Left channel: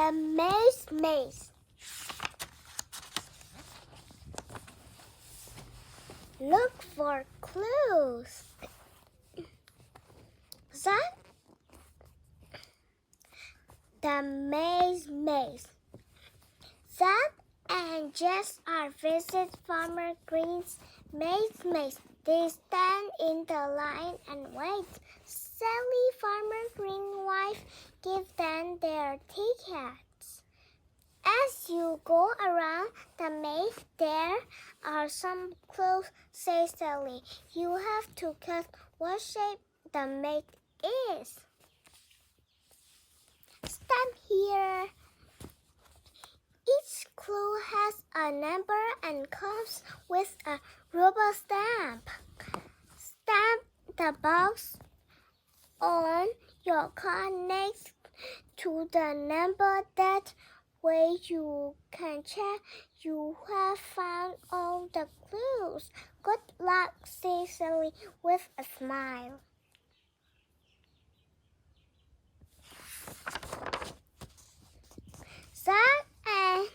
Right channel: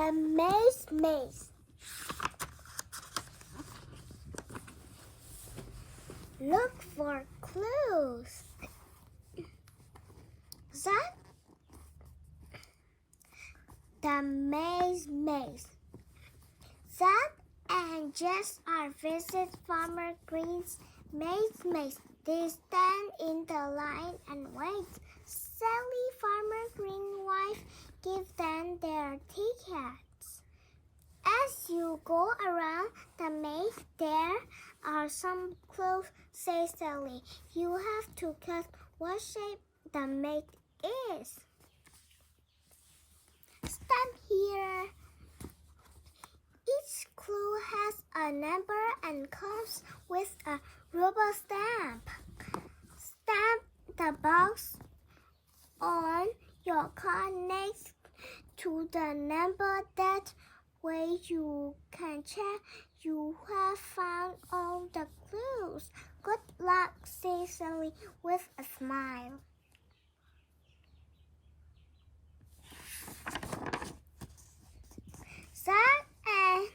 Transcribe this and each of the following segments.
The maze. Look for clues. That the maze. Zach and Jess are visit Farmer Green's maze. They stand in the line and wait. Sally, Farmer Green's wife, gives them their tickets. As you go around the maze, there are some clues, says Sally. You have to guess what shape the maze is. Stand here. Each clue has a number and comes with a rubber stamp. Stamp the box on your card next to the number. That way you can check you have found all the clues. Good luck, says Sally with a smile. Zach and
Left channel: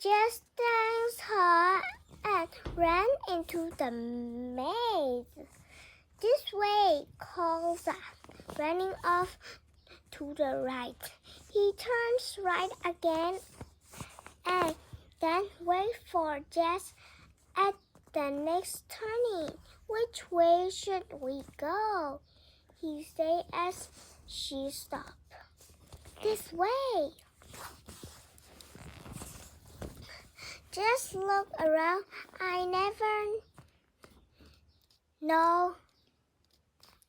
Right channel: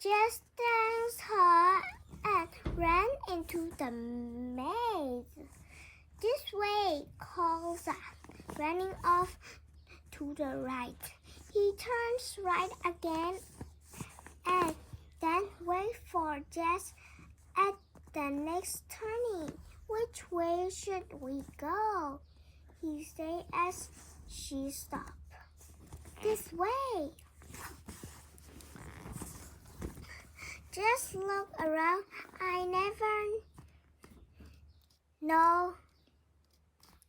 Jess thanked her and ran into the maze. This way, called Zach, running off to the right. He turns right again and then waits for Jess at the next turning. Which way should we go? He said as she stopped. This way. Just look around. I never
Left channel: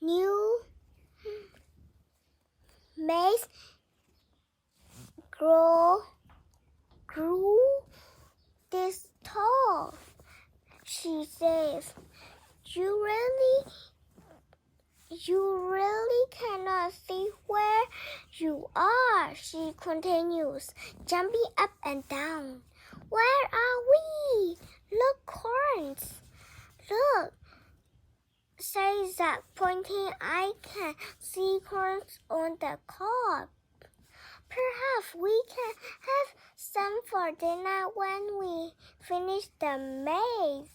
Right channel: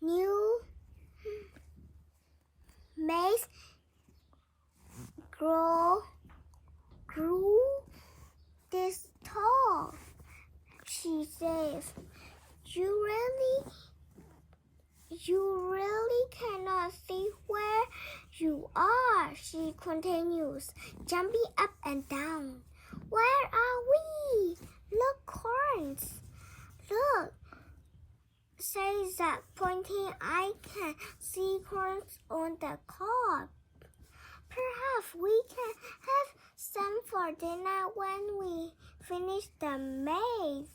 knew maze grew this tall. She says, You really cannot see where you are, she continues, jumping up and down. Where are we? Look, corns. Look, says Zach, pointing. I can see corns on the cob. Perhaps we can have some for dinner when we finish the maze.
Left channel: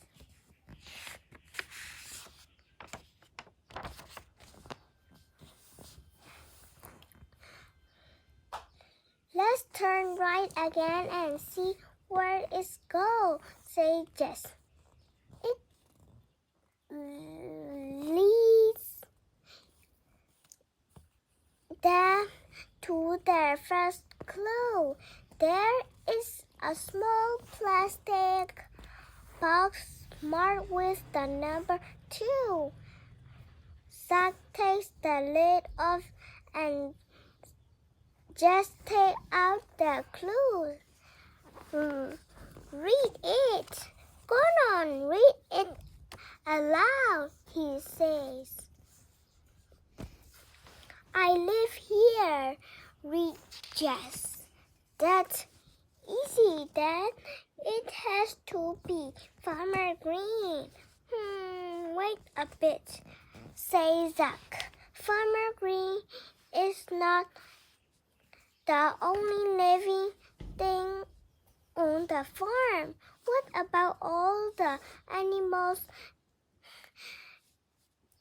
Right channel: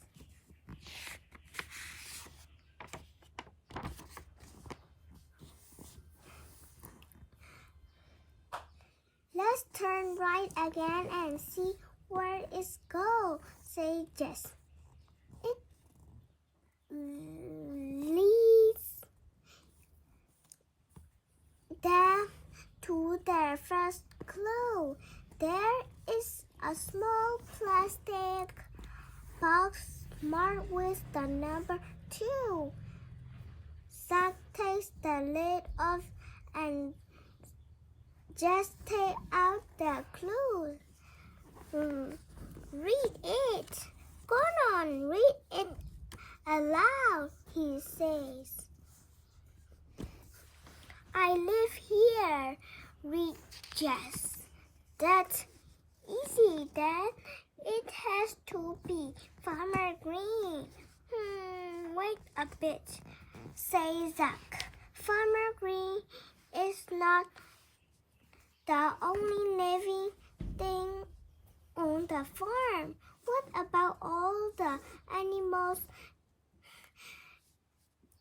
Let's turn right again and see where it goes, says Jess. It leads them to their first clue. There is a small plastic box marked with the number 2. Zach takes the lid off and just take out the clue. Read it. Go on, read it aloud, he says. I live here, read Jess. That's easy, Dad. It has to be Farmer Green. Wait a bit, says Zach. Farmer Green is not the only living thing on the farm. What about all the animals?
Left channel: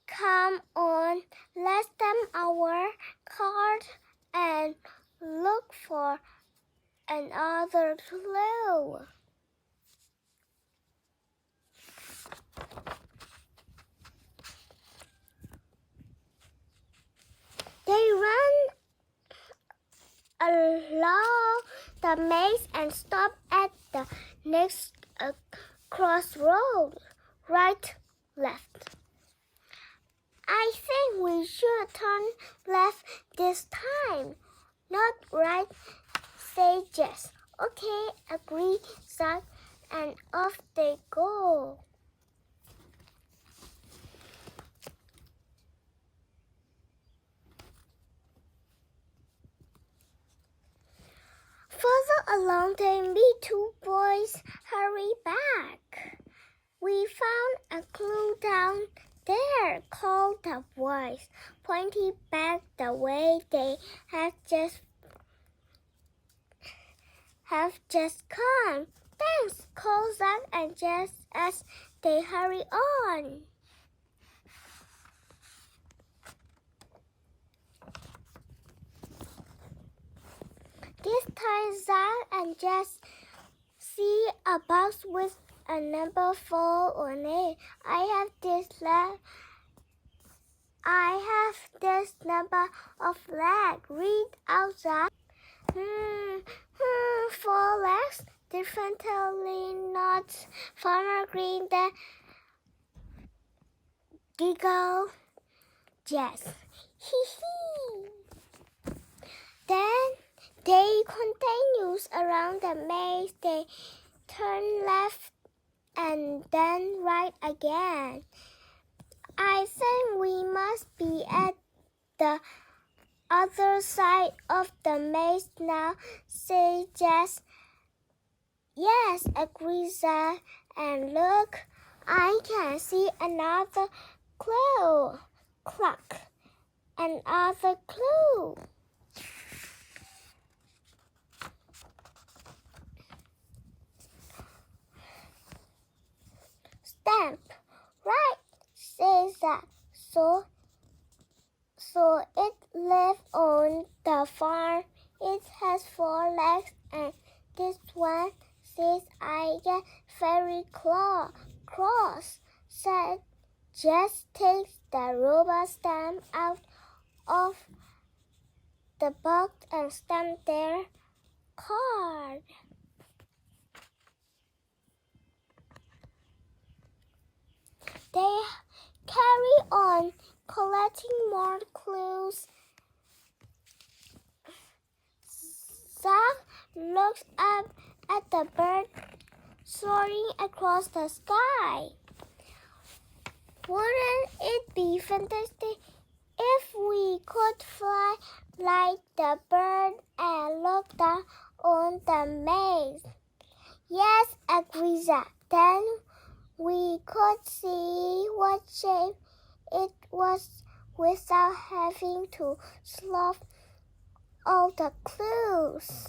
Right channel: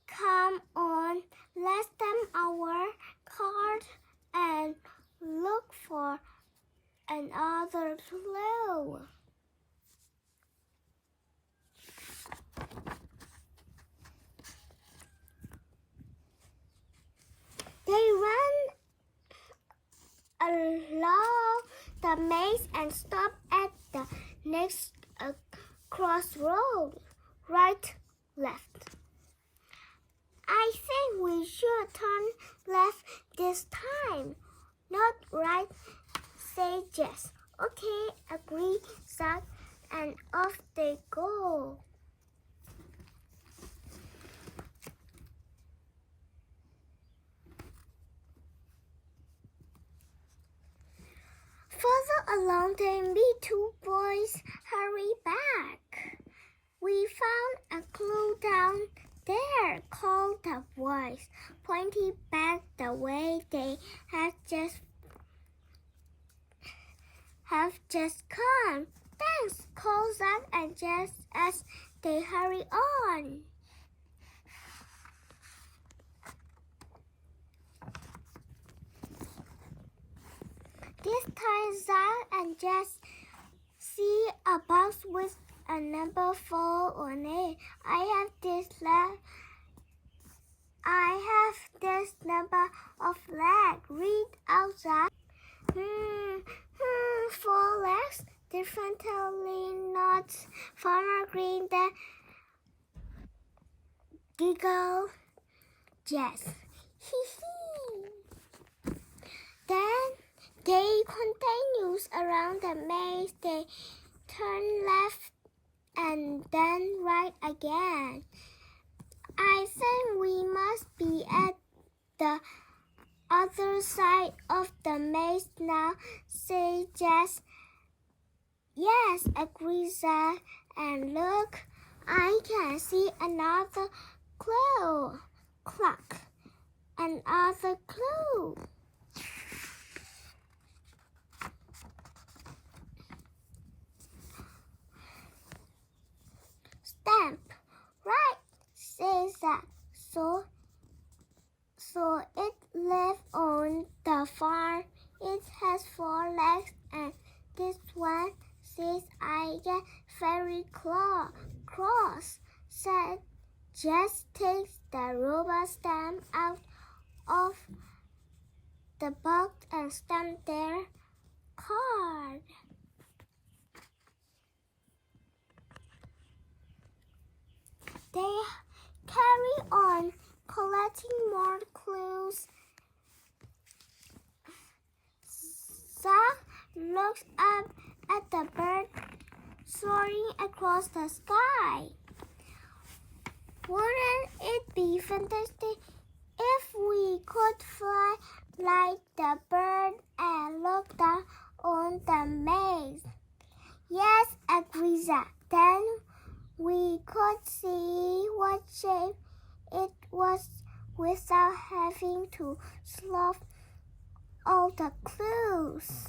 Come on, let's stamp our card and look for another clue. They run along the maze and stop at the next crossroad. Right, left. I think we should turn left this time. Not right, say Jess. Okay, agree, Zach, and off they go. Further along, they meet 2 boys. Hurry back. We found a clue down there, called the boys, pointing back the way they had just have just come. Thanks, called Zach and Jess as they hurry on. This time, Zach and Jess see a box with a number 4 on it. I have this number of legs. Read out Zach. 4 legs. Differently not. Farmer Green the giggle. Yes. Then they continues around the maze. They turn left and then right again. I think we must be at the other side of the maze now, says Jess. Yes, agrees Zach. And look, I can see another clue. Clock. Another clue. Stamp. Right, says Zach. So it lives on the farm. It has 4 legs, and this one says I get very cross. Said Jess takes the rubber stamp out of the box and stamp their card. They carry on collecting more clues. Zach looks up at the bird soaring across the sky. Wouldn't it be fantastic if we could fly like the bird and look down on the maze? Yes, agrees Zach. Then we could see what shape it was without having to solve all the clues.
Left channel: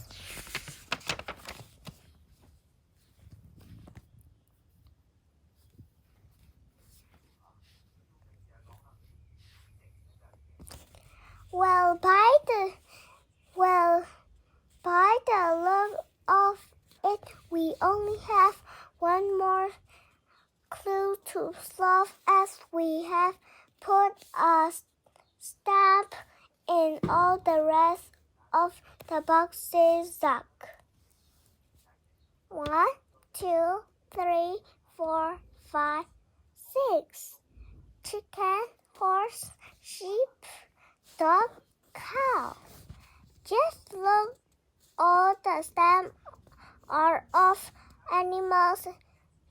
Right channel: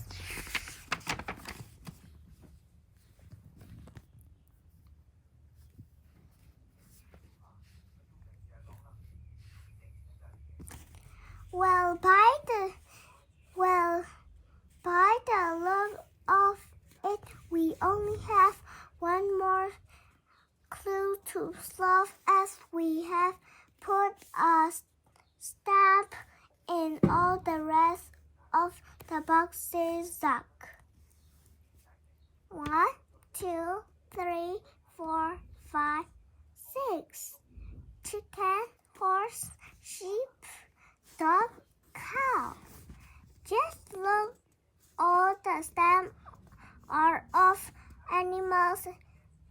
Well, by the look of it, we only have one more clue to solve, as we have put a stamp in all the rest of the boxes. Zach. 1, 2, 3, 4, 5, 6. Chicken, horse, sheep, dog, cow. Just look, all the stamps are of animals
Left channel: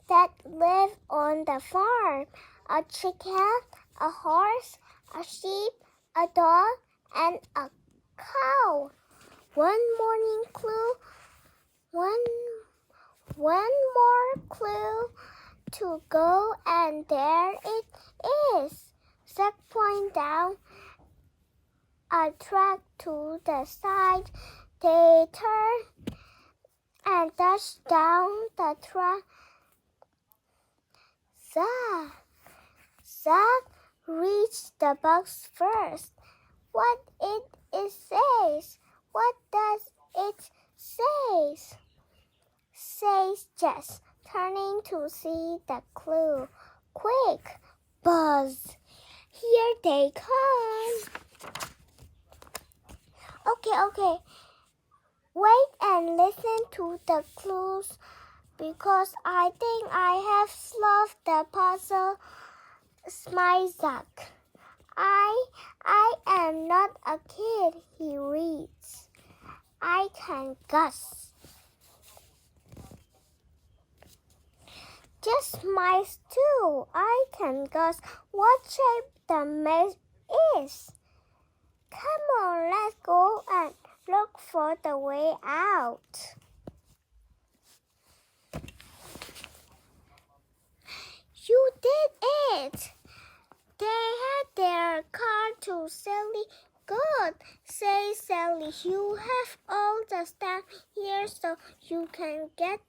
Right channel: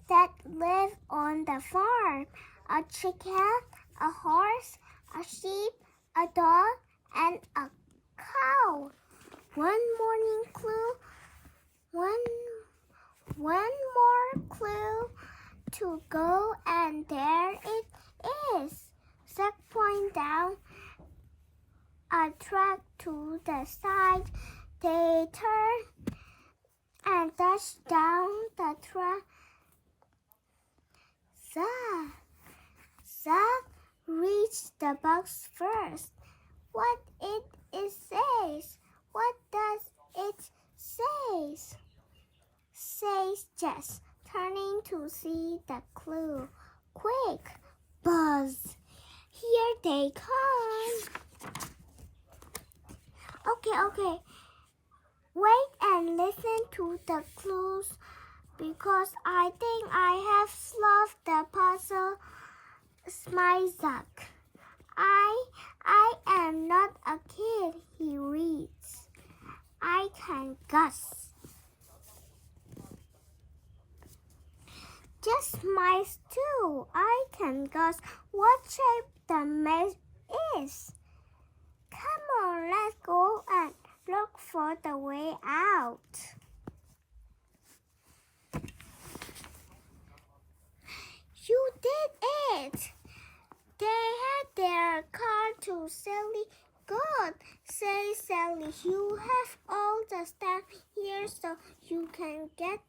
that live on the farm. A chicken, a horse, a sheep, a dog, and a cow. One more clue to go, and there it is. Zach pointed down a track to the side. They turned and dashed down the track. Zach reached the box first. What it says? What does it say? Says Jess, turning to see the clue. Quick, buzz! Here they come. Okay. Wait and listen to the clues, because I think I have solved the puzzle. Smiles Zach. I am not a kid, he reads. I can guess. Just smiles too. I can guess what shape the maze is. Come on, let's go and look for the way out. You did it! They had their car to Sally. Good, says Sally. You have all the stuff here, so can get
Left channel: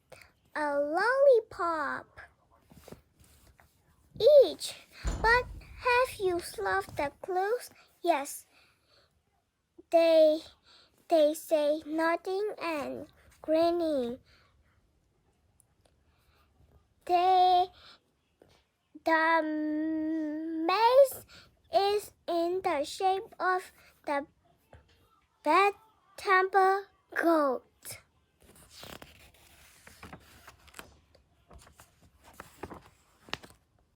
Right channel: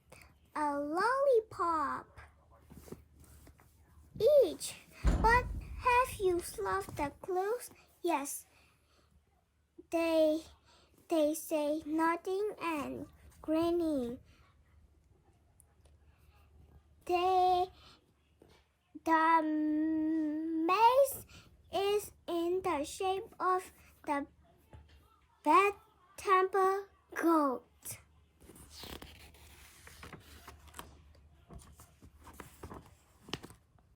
a lollipop each. But have you solved the clues? Yes. They say, nodding and grinning. The maze is in the shape of the bad temple goat.